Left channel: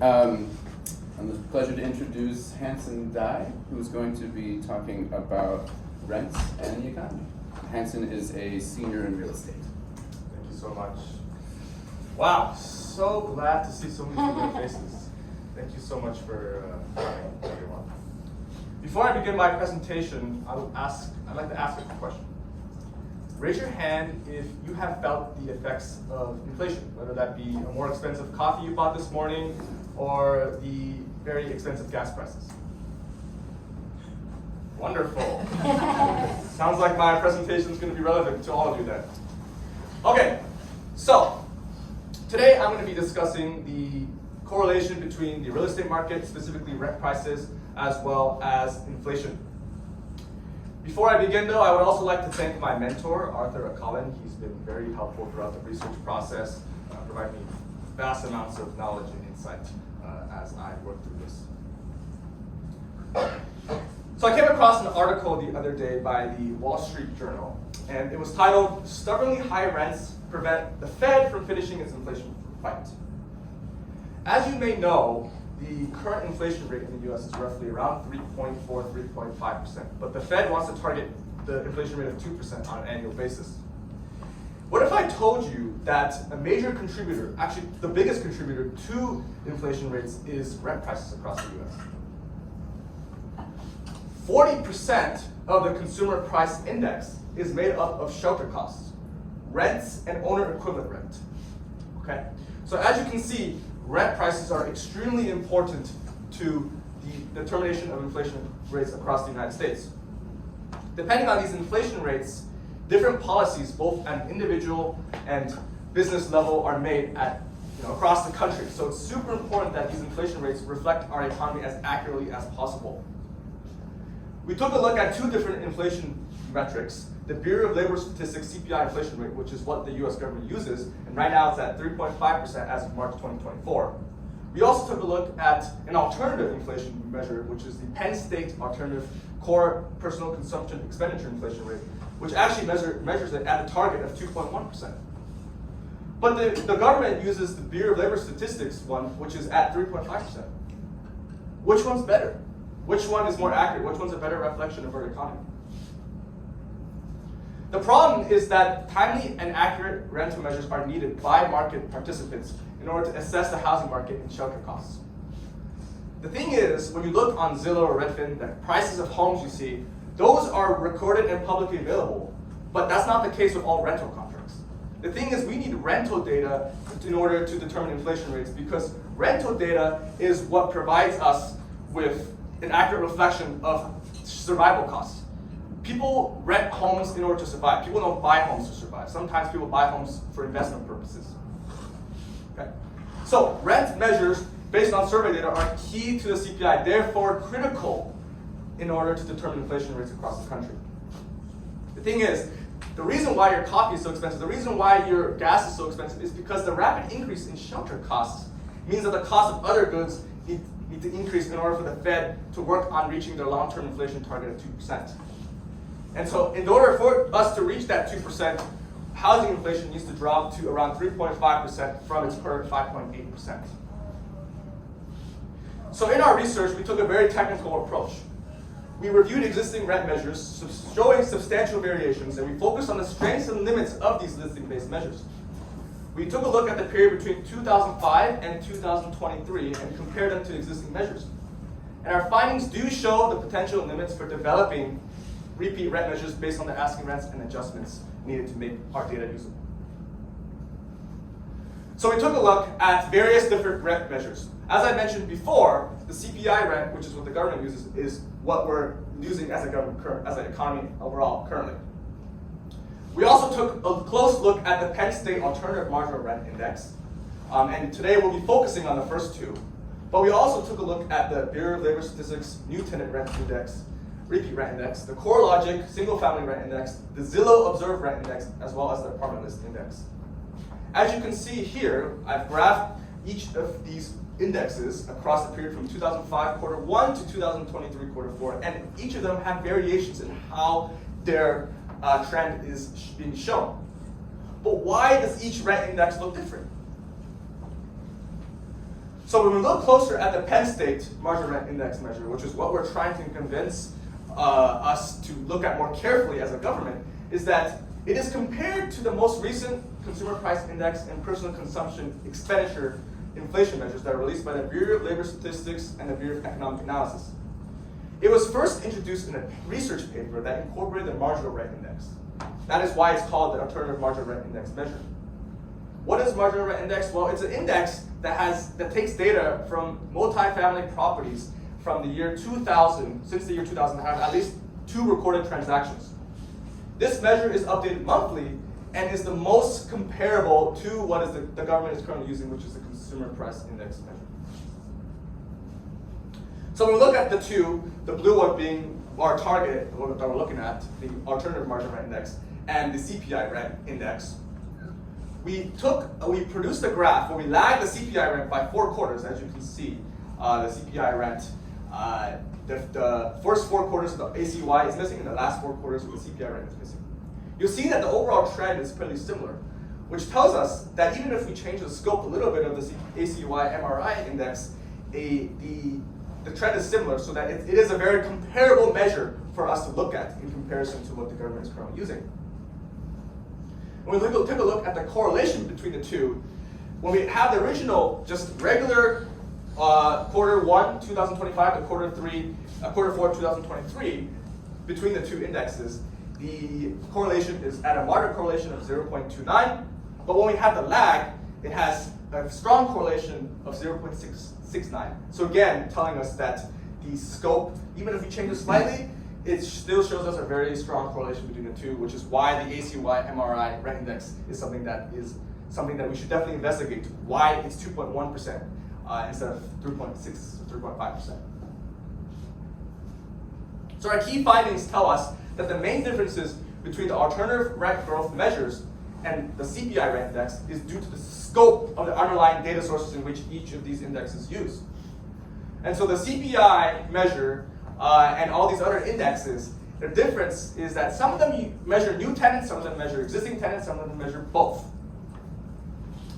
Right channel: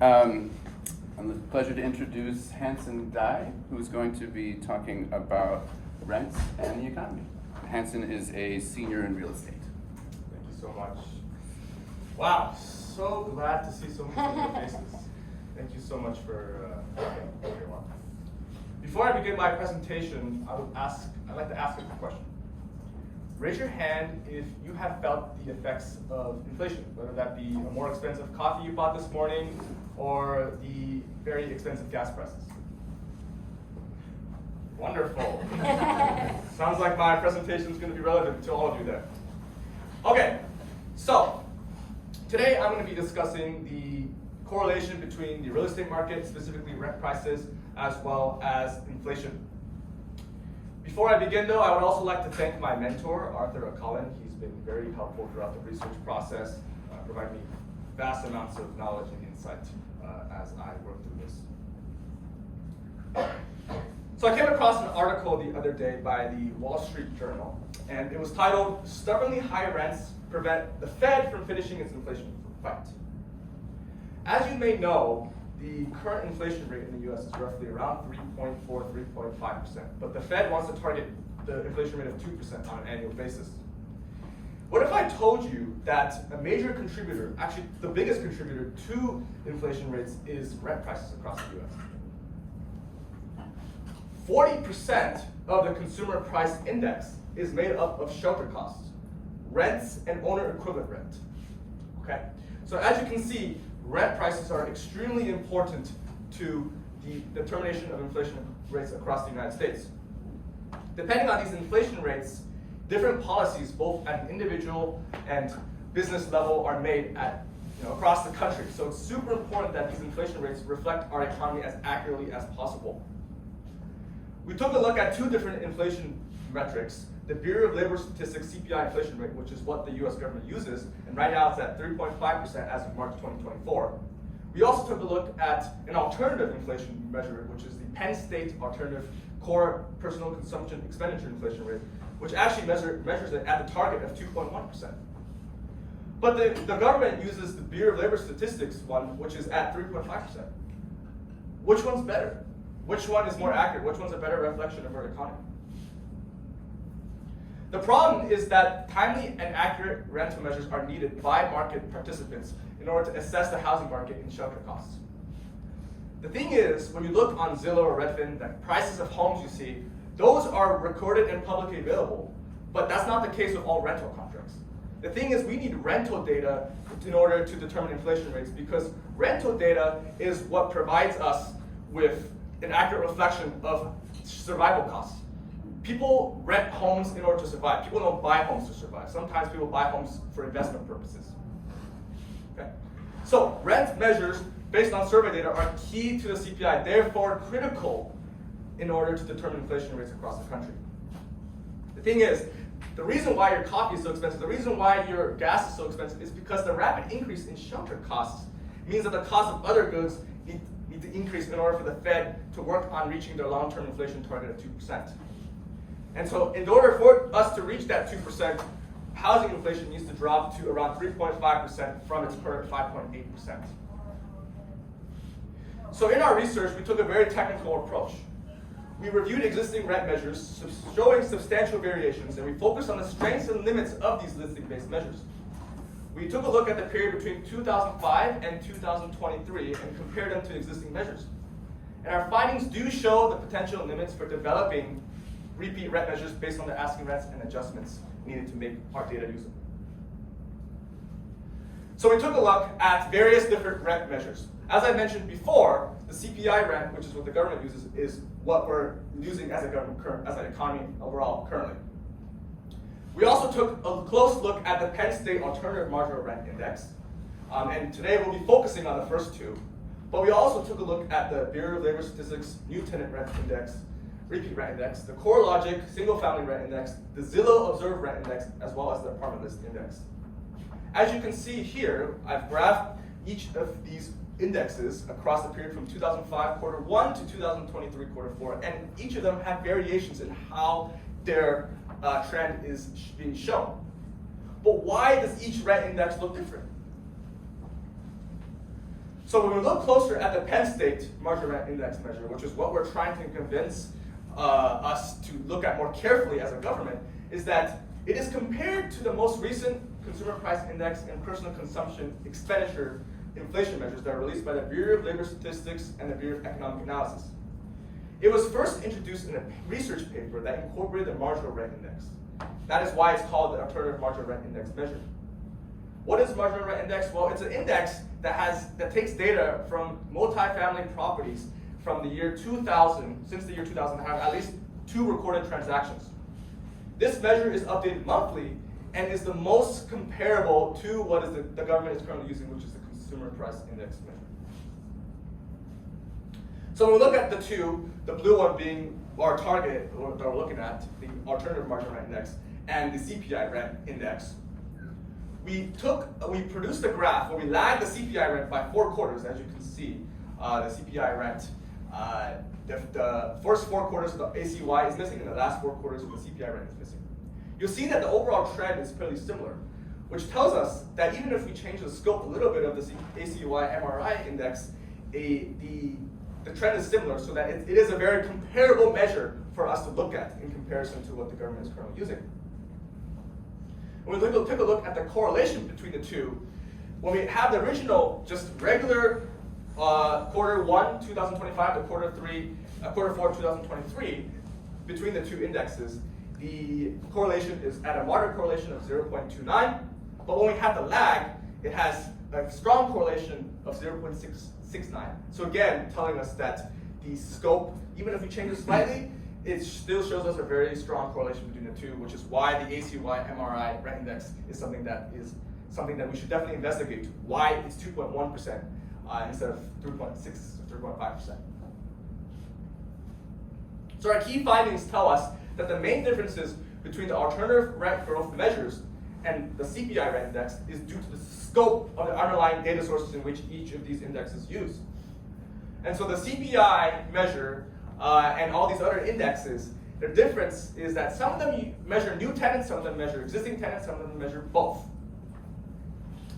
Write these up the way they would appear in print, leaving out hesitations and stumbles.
I'm the pleasure to introduce Hanson Dai, who's going to be talking about rents and the economy. Hanson is a senior in real estate. Thank you so much. Wow, so glad to see so many familiar faces. Thank you so much for coming, everyone. Before I begin my presentation, I'd like to ask a question. Raise your hand if you have felt the effects of inflation, whether that be a more expensive coffee you bought this morning or the very expensive gas prices. Wonderful. Sounds like my presentation is going to be relevant to all of you then. Okay, so today I'm going to be discussing the correlation between the real estate market, specifically rent prices, as well as inflation. Before I begin though, I would also like to thank my mentor, Arthur Cullen. He's been very helpful throughout the research process, providing me vast amounts of knowledge and insight as I work through this. So I came across an article the other day by the Wall Street Journal, and it was titled, "Stubbornly High Rents Prevent the Fed from Finishing its Inflation Fight." As you may know, the current inflation rate in the US is roughly around 3.4, 3.5%, but the Fed wants to target the inflation rate of 2% on an annual basis. What if I told you that a major contributor, actually the biggest contributor to inflation rates is rent prices across the US? 40% of the consumer price index is made up of shelter costs, rents, and owner equivalent rent. Okay? So as you can see, rent prices are extremely important to the determination of inflation rates across the United States. Depending on these inflation rates, different policies, both at an individual and business level, are made across the country. So it's super important that these inflation rates reflect our economy as accurately as possible. We took a look at two different inflation metrics. The Bureau of Labor Statistics CPI inflation rate, which is what the US government uses, and right now it's at 3.5% as of March 2024. We also took a look at an alternative inflation measure, which is the Penn State Alternative Core Personal Consumption Expenditure Inflation Rate, which actually measures it at the target of 2.1%. But the government uses the Bureau of Labor Statistics one, which is at 3.5%. Which one's better? Which one is more accurate? Which one's a better reflection of our economy? The problem is that timely and accurate rental measures are needed by market participants in order to assess the housing market and shelter costs. The thing is, when you look on Zillow or Redfin, the prices of homes you see, those are recorded and publicly available, but that's not the case with all rental contracts. The thing is, we need rental data in order to determine inflation rates, because rental data is what provides us with an accurate reflection of survival costs. People rent homes in order to survive. People don't buy homes to survive. Sometimes people buy homes for investment purposes. Okay. So rent measures based on survey data are key to the CPI, therefore critical in order to determine inflation rates across the country. The thing is, the reason why your coffee is so expensive, the reason why your gas is so expensive is because the rapid increase in shelter costs means that the cost of other goods need to increase in order for the Fed to work on reaching their long-term inflation target of 2%. And so in order for us to reach that 2%, housing inflation needs to drop to around 3.5% from its current 5.8%. So in our research, we took a very technical approach. We reviewed existing rent measures showing substantial variations, and we focused on the strengths and limits of these listing-based measures. We took a look at the period between 2005 and 2023 and compared them to existing measures. And our findings do show the potential limits for developing repeat rent measures based on the asking rents and adjustments needed to make our data usable. So we took a look at various different rent measures. As I mentioned before, the CPI rent, which is what the government uses, is what we're using as an economy overall currently. We also took a close look at the Penn State Alternative Marginal Rent Index, and today we'll be focusing on the first two. But we also took a look at the Bureau of Labor Statistics New Tenant Rent Index, Repeat Rent Index, the CoreLogic Single Family Rent Index, the Zillow Observed Rent Index, as well as the Apartment List Index. As you can see here, I've graphed each of these indexes across the period from 2005 quarter 1 to 2023 quarter 4, and each of them have variations in how their trend is being shown. But why does each rent index look different? So when we look closer at the Penn State marginal rent index measure, which is what we're trying to convince us to look at more carefully as a government, is that it is compared to the most recent consumer price index and personal consumption expenditure inflation measures that are released by the Bureau of Labor Statistics and the Bureau of Economic Analysis. It was first introduced in a research paper that incorporated the marginal rent index. That is why it's called the alternative marginal rent index measure. What is marginal rent index? Well, it's an index that takes data from multifamily properties from the year 2000, since the year 2000, have at least 2 recorded transactions. This measure is updated monthly and is the most comparable to what is the government is currently using, which is the consumer price index measure. So when we look at the two, the blue one being our target that we're looking at, the alternative marginal rent index, and the CPI rent index, we produced a graph where we lagged the CPI rent by 4 quarters, as you can see. The CPI rent, the first 4 quarters of the ACY is missing, and the last 4 quarters of the CPI rent is missing. You'll see that the overall trend is pretty similar, which tells us that even if we change the scope a little bit of the ACY MRI index, the trend is similar, so that it is a very comparable measure for us to look at in comparison to what the government is currently using. When we take a look at the correlation between the two, when we have the original, just regular quarter 1, 2025 to quarter 4, 2023, between the two indexes, the correlation is at a moderate correlation of 0.29, but when we have the lag, it has a strong correlation of 0.669. So again, telling us that the scope, even if we change it slightly, it still shows us a very strong correlation between the two, which is why the ACY MRI rent index is something that we should definitely investigate. Why it's 2.1% instead of 3.6 or 3.5%. So our key findings tell us that the main differences between the alternative rent growth measures and the CPI rent index is due to the scope of the underlying data sources in which each of these indexes use. And so the CPI measure and all these other indexes, their difference is that some of them measure new tenants, some of them measure existing tenants, some of them measure both.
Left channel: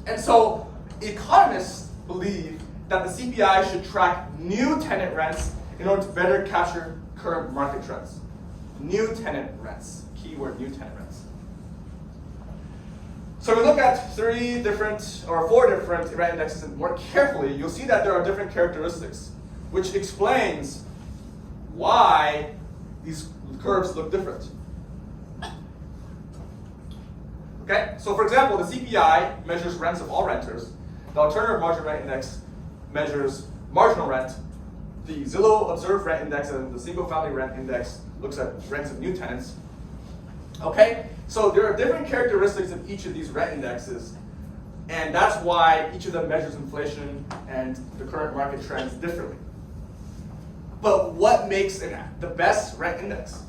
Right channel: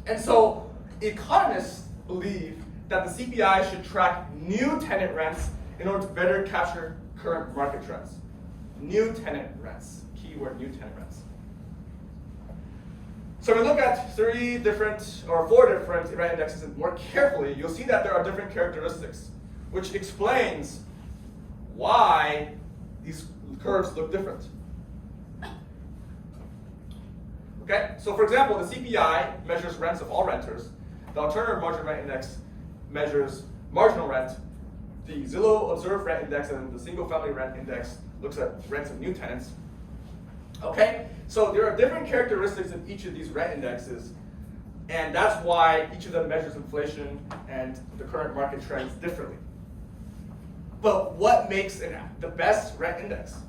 And so economists believe that the CPI should track new tenant rents in order to better capture current market trends. New tenant rents, keyword new tenant rents. So we look at 4 different rent indexes more carefully, you'll see that there are different characteristics, which explains why these curves look different. Okay, so for example, the CPI measures rents of all renters. The alternative marginal rent index measures marginal rent. The Zillow observed rent index and the single family rent index looks at rents of new tenants. Okay, so there are different characteristics of each of these rent indexes, and that's why each of them measures inflation and the current market trends differently. But what makes the best rent index?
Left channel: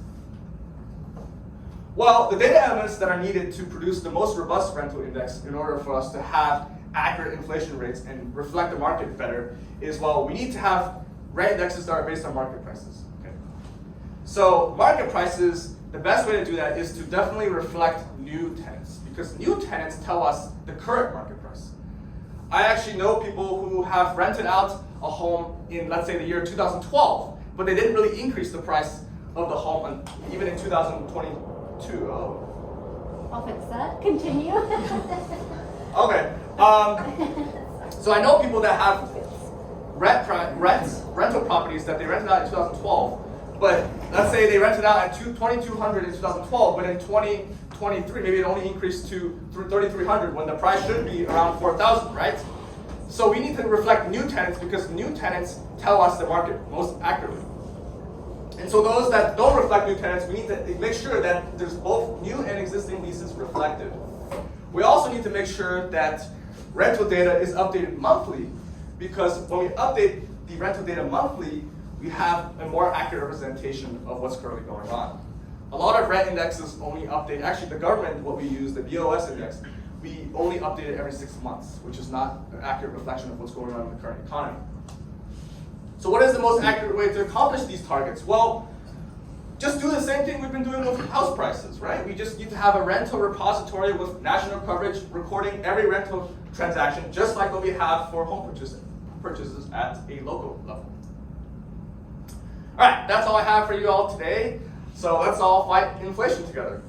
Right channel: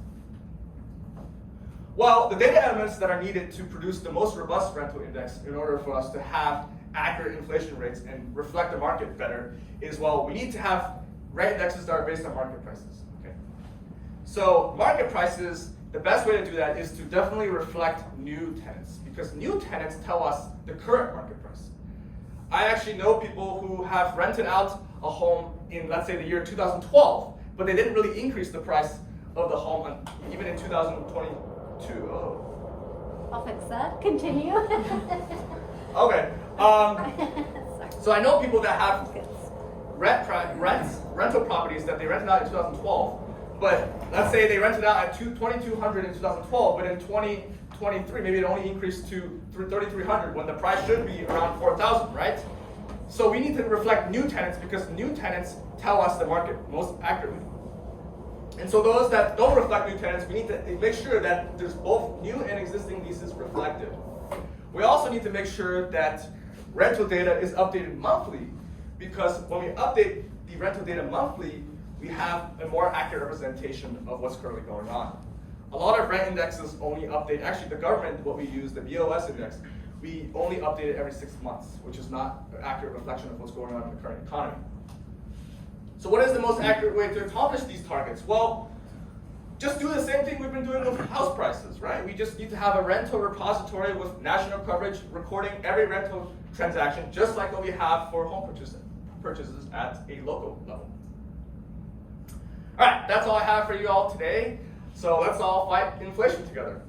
Well, the data elements that are needed to produce the most robust rental index in order for us to have accurate inflation rates and reflect the market better is, well, we need to have rent indexes that are based on market prices. Okay? So market prices, the best way to do that is to definitely reflect new tenants, because new tenants tell us the current market price. I actually know people who have rented out a home in, let's say, the year 2012, but they didn't really increase the price of the home even in 2022. I'll fix that. Continue. Okay. So I know people that have rental properties that they rented out in 2012, but let's say they rented out at $2,200 in 2012, but in 2023 maybe it only increased to $3,300 when the price should be around $4,000, right? So we need to reflect new tenants because new tenants tell us the market most accurately. And so those that don't reflect new tenants, we need to make sure that there's both new and existing leases reflected. We also need to make sure that rental data is updated monthly, because when we update the rental data monthly, we have a more accurate representation of what's currently going on. A lot of rent indexes only update, actually the government, what we use, the BOS index, we only update it every 6 months, which is not an accurate reflection of what's going on in the current economy. So what is the most accurate way to accomplish these targets? Well, just do the same thing we've been doing with house prices, right? We just need to have a rental repository with national coverage recording every rental transaction, just like what we have for home purchasing. purchases at a local level. All right, that's all I have for you all today. So let's all fight inflation together.